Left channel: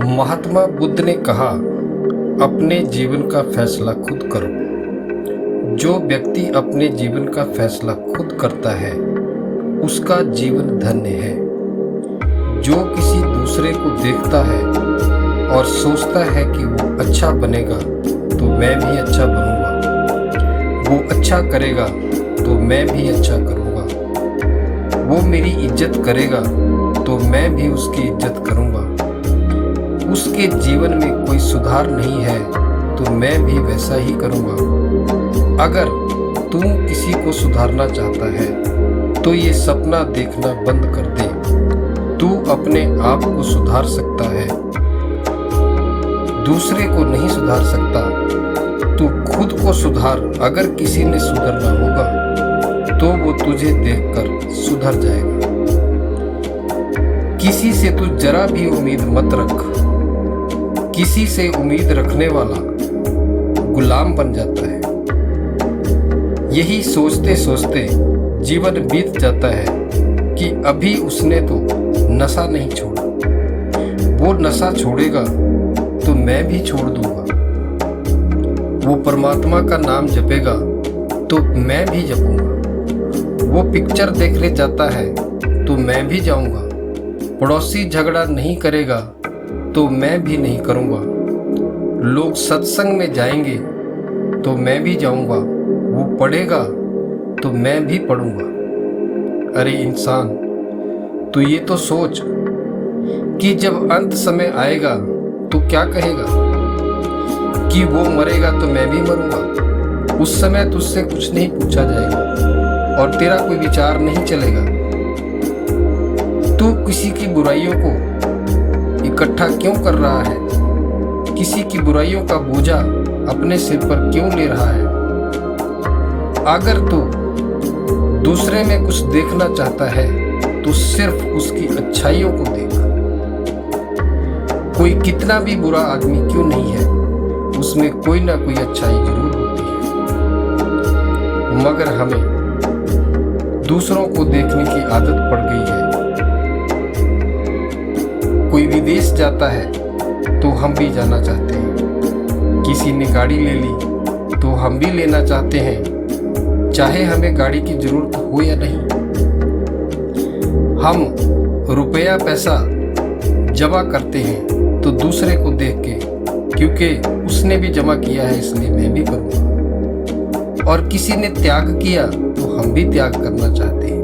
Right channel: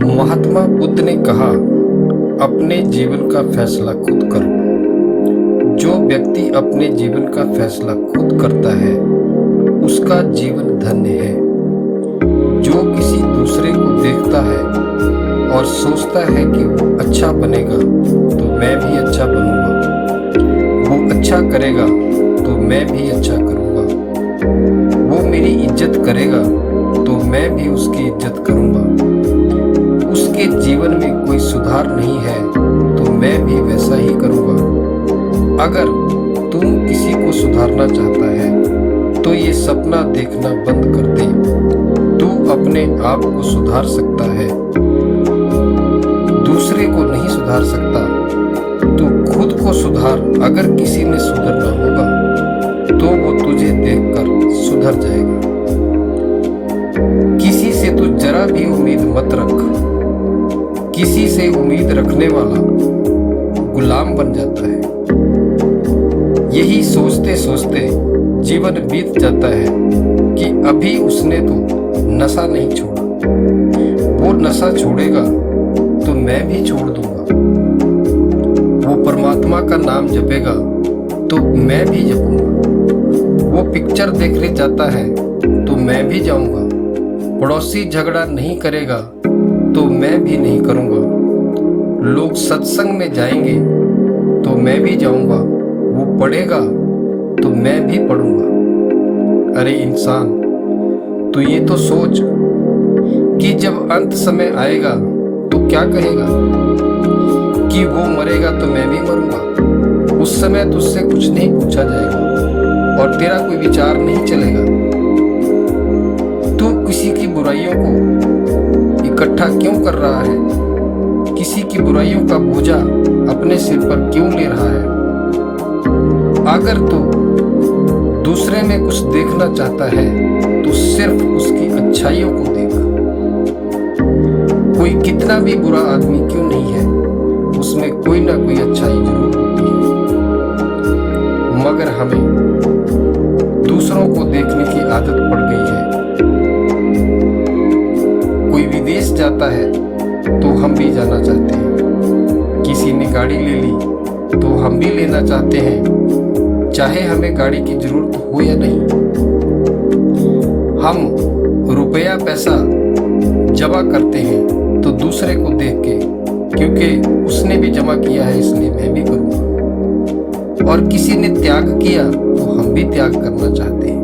महात्मा बुद्ध ने कहा, अपने जीवन का फैसला खुद करो। जो व्यक्ति अपने जीवन का फैसला खुद करता है उसका जीवन धन्य है। जो किसी दूसरे को देखता है और सोचता है कि वो अच्छा बनेगा तो मैं भी अच्छा बनूंगा, वो अच्छा करेगा तो मैं भी अच्छा करूंगा, वो मेरी इज्जत करेगा तो मैं भी उसकी इज्जत करूंगा, उसके जीवन में कोई सुधार नहीं है तो मैं भी वैसा ही करूंगा। अगर तुम किसी को सुधारना चाहता है तो ये सपना देखना बंद कर दे। तू अपने आप को सुधार सकता है, दूसरे को नहीं सुधार सकता। तू खुद को सुधार। अगर किसी ने सुधरना होगा तो वो तुझे देखकर सुधर जाएगा। किसी से तू जरा भी उम्मीद मत रख। किसी से उम्मीद रखने वाला गुलाम बन जाता है। यही सोचते सोचते जीवन बीत जाता है कि अभी उसने तो नशा नहीं छोड़ा, वो नशा छोड़ेगा तो मैं भी छोड़ दूंगा, वो परमात्मा का नाम जपेगा तो मैं भी जपूंगा, वो पिक्चर देखने जाता है तो मैं भी जाऊंगा, पड़ोसी झगड़ा नहीं करेगा तो मैं भी नहीं करूंगा, लोग सत्संग में जाएंगे तो मैं भी जाऊंगा, वो पढ़ेगा तो मैं भी पढ़ूंगा। अरे इंसान, तू ये तो सोच कि जब अंत समय आएगा तो क्या कहेगा कि वो मरेगा तो मैं भी मरूंगा। उस समय तुझसे कुछ नहीं पूछा जाएगा और तेरा कोई विचार नहीं चलेगा। तू किसी की बुराइयों को इकट्ठा क्यों कर रहा है? किसी की बुराइयों का बोझा अपने सिर पर क्यों ले रहा है? अगर तू दूसरे में कुछ देखना चाहता है तो सिर्फ उसकी अच्छाइयों को देख। कोई कितना भी बुरा आदमी क्यों नहीं है, उसमें कोई ना कोई अच्छाई जरूर होती है। मगर हमें दूसरों को देखने की आदत पड़ गई है। कोई विदेश जाता है तो हम भी जाना चाहते हैं। किसी ने गाड़ी ले ली तो हम भी लेना चाहते हैं, चाहे हमें गाड़ी की जरूरत हो या नहीं। हम रुपया पैसा जमा करते हैं तो दूसरे को देख के, क्योंकि उसने भी जमा किया है इसलिए मैं भी करूँगा। और किसी ने त्याग किया तो हम भी त्याग करना चाहते हैं।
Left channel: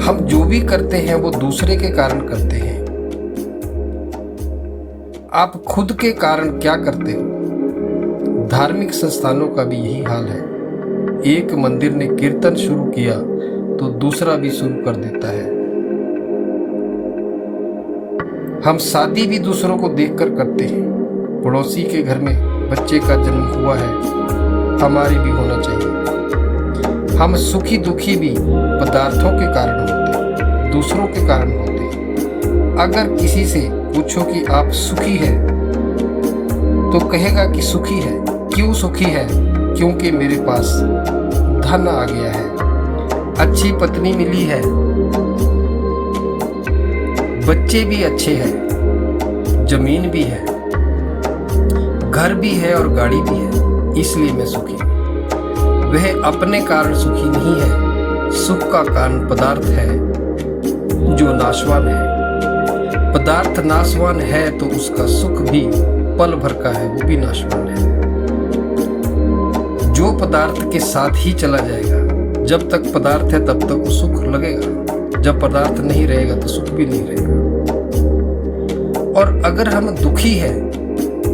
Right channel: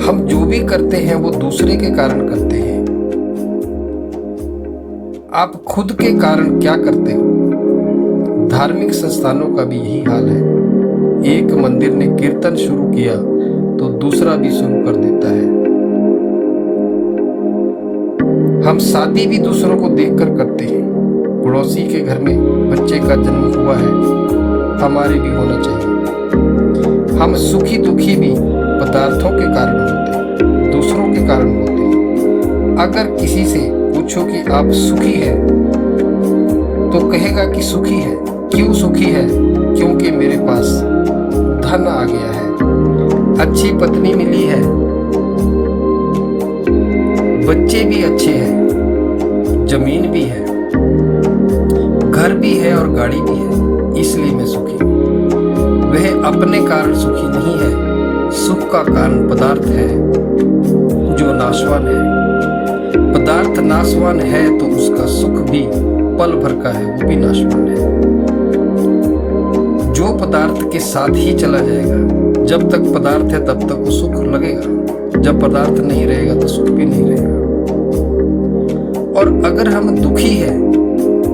हम जो भी करते हैं वो दूसरे के कारण करते हैं। आप खुद के कारण क्या करते हो? धार्मिक संस्थानों का भी यही हाल है। एक मंदिर ने कीर्तन शुरू किया तो दूसरा भी शुरू कर देता है। हम शादी भी दूसरों को देखकर करते हैं। पड़ोसी के घर में बच्चे का जन्म हुआ है, हमारे भी होना चाहिए। हम सुखी दुखी भी पदार्थों के कारण होते हैं, दूसरों के कारण होते हैं। अगर किसी से पूछो कि आप सुखी हैं तो कहेगा कि सुखी है। क्यों सुखी है? क्योंकि मेरे पास धन आ गया है, अच्छी पत्नी मिली है, बच्चे भी अच्छे हैं, जमीन भी है, घर भी है और गाड़ी भी है, इसलिए मैं सुखी हूं। वह अपने कारण सुखी नहीं है। सुख का कारण पदार्थ है जो नाशवान है। पदार्थ नाशवान है तो उसका सुख भी पल भर का है, वो भी नाशवान है। जो पदार्थ के साथ ही चला जाएगा, जब तक पदार्थ है तब तक वो सुख लगेगा, जब पदार्थ नहीं रहेगा तो सुख भी नहीं रहेगा। और अगर हम दुखी है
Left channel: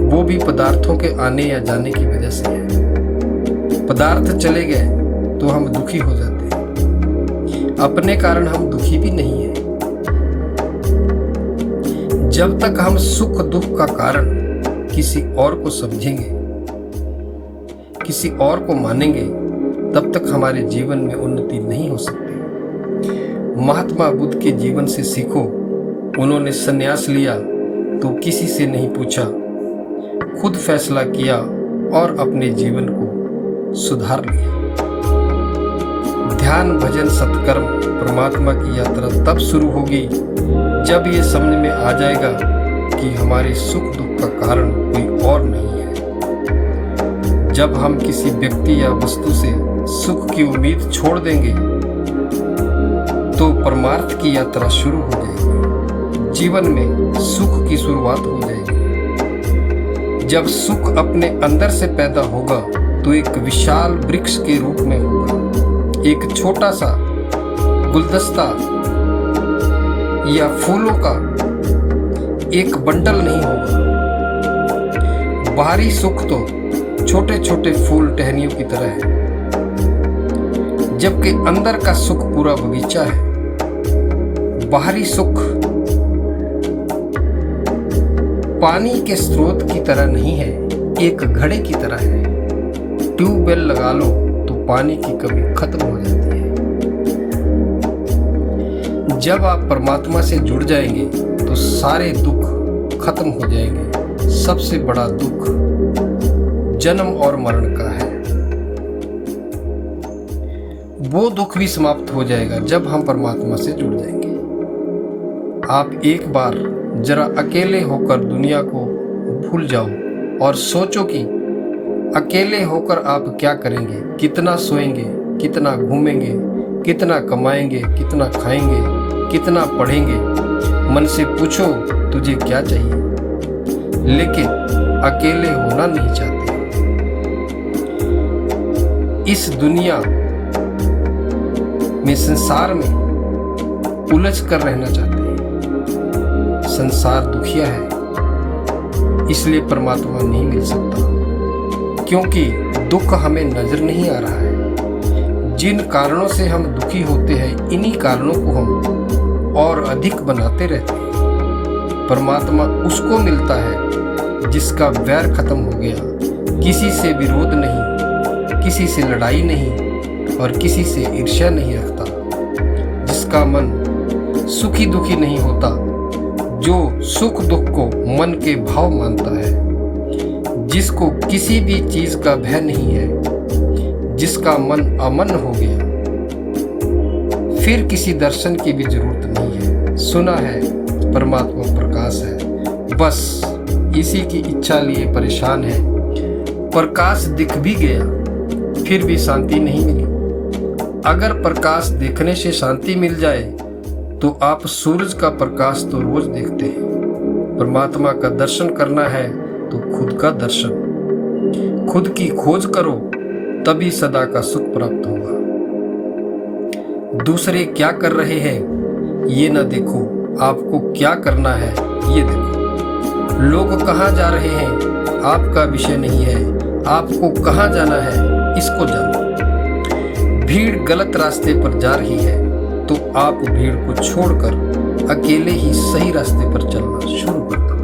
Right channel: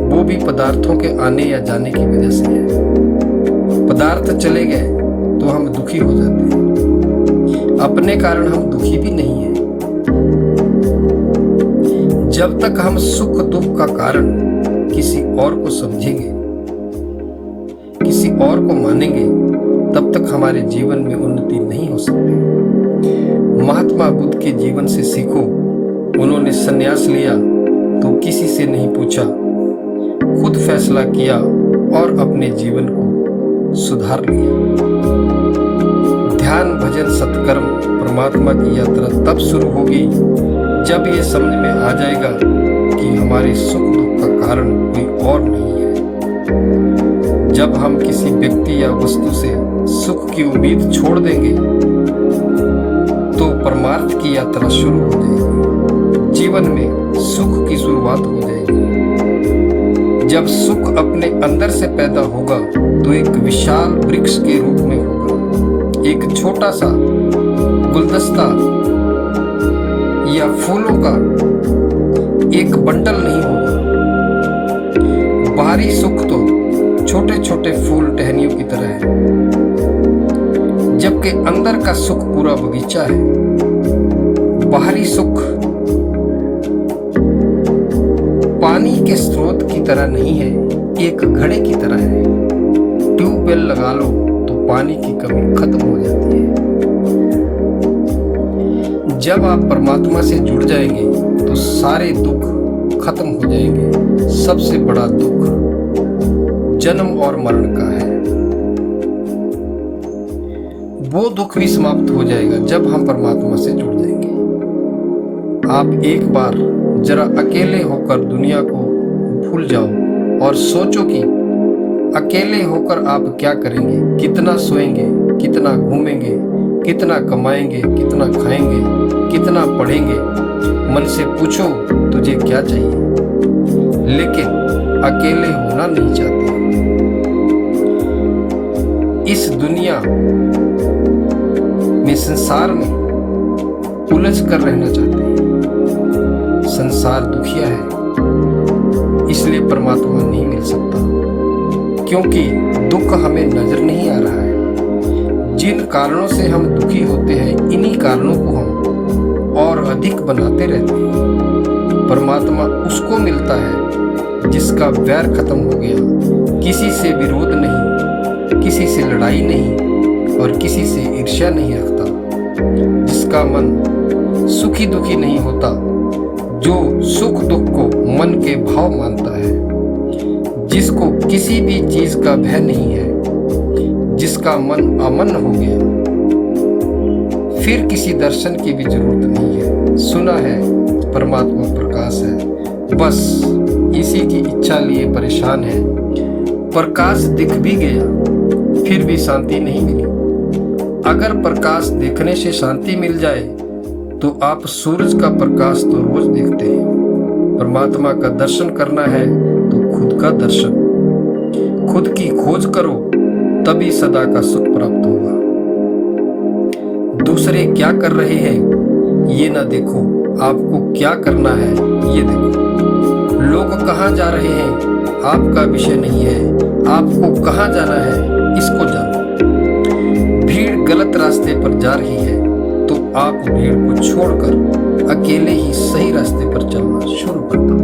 वो भी पदार्थों के आने या जाने की वजह से है। पदार्थ चले गए तो हम दुखी हो जाते हैं, अपने कारण हम दुखी भी नहीं है। जब तक हम सुख दुख का कारण किसी और को समझेंगे, किसी और को मानेंगे, तब तक हमारे जीवन में उन्नति नहीं हो सकती। महात्मा बुद्ध के जीवन से सीखो। उन्होंने संन्यास लिया तो किसी से नहीं पूछा, खुद फैसला किया और अपने जीवन को सुधार लिया। ध्यान भजन सत्कर्म परमात्मा की यात्रा तब शुरू होगी जब ये समझ में आ जाएगा कि हमारे सुख दुख का कारण कोई और नहीं है, जब हम किसी व्यक्ति या वस्तु से सुख की उम्मीद छोड़ देंगे तो परमार्थ की यात्रा शुरू हो जाएगी, जीवन में सुख की शुरुआत हो जाएगी। जब सुख अपने अंदर से पैदा होगा तो एक विशाल वृक्ष के रूप में होगा, एक छोटा सा गुलदस्ता या फूलों का एक बंडल नहीं होगा। बाहरी सुख तो छोटे छोटे फूल टहनियों की तरह है, जबकि अंदर का सुख पूरा बगीचा है। बाहरी सुख पानी के स्रोत की तरह नहीं है, एक घड़े की तरह है। ट्यूबवेल लगा लो तो पानी की कमी खत्म हो जाती है। जब आप परमात्मा से जुड़ जाएंगे तो सारे दुख खत्म हो जाएंगे। सबसे बड़ा दुख जन्म और मरण का है, वो दुख भी समाप्त हो जाएगा जब हम परमात्मा से जुड़ जाएंगे। आप एक बार जरा अकेले होकर दुनिया को भूल जाओ और सोचो कि अकेले होकर आप क्या करेंगे, कितना सोएंगे, कितना घूमेंगे, कितना कमाएंगे, कितना खाएंगे, कितना पढ़ेंगे। मन से पूछो तुझे क्या चाहिए, लेकिन अकेले होना नहीं चाहते। इस दुनिया में, संसार में उलझ कर रहना चाहते हैं। संसार दुखिया है, इसलिए परमात्मा नहीं मिल सकता, क्योंकि दुख हमें नजर नहीं आ रहा है। जिन कारणों से हम दुखी होते हैं, इन्हीं कारणों को हम और अधिक बनाते रहते हैं। परमात्मा उसको मिलता है जिसका वैर खत्म हो गया, किसी से विरोध नहीं, किसी से लड़ाई नहीं और किसी से ईर्ष्या नहीं रखता, जिसका मन सुखी दुखी नहीं होता, जो सुख दुख को मन के भाव मानता है, जिसको किसी भी चीज का भय नहीं है, जिसका मन अमन हो गया, फिर किसी दर्शन की भी जरूरत नहीं है। सुना है परमात्मा प्रकाश है, बस इसी की इच्छा लिए परेशान है। प्रकाश दिख भी गया फिर भी शांति नहीं मिली। अगर प्रकाश देखने से शांति मिल जाए तो आप सूरज का प्रकाश तो रोज देखते हैं। परमात्मा का दर्शन करना है तो खुद का दर्शन, खुद की खोज करो, तभी सदा का सुख प्राप्त होगा। दूसरे क्या कर रहे हैं ये ना देखो, आपको क्या करना है ये देखो। लोग कहाँ जा रहे हैं आपका विषय नहीं है, आपको कहाँ जाना है इसको जानो। भीड़ गलत रास्ते पर जा रही है तो आप भीड़ को छोड़कर अकेले ही सही रास्ते पर चलना शुरू कर दो।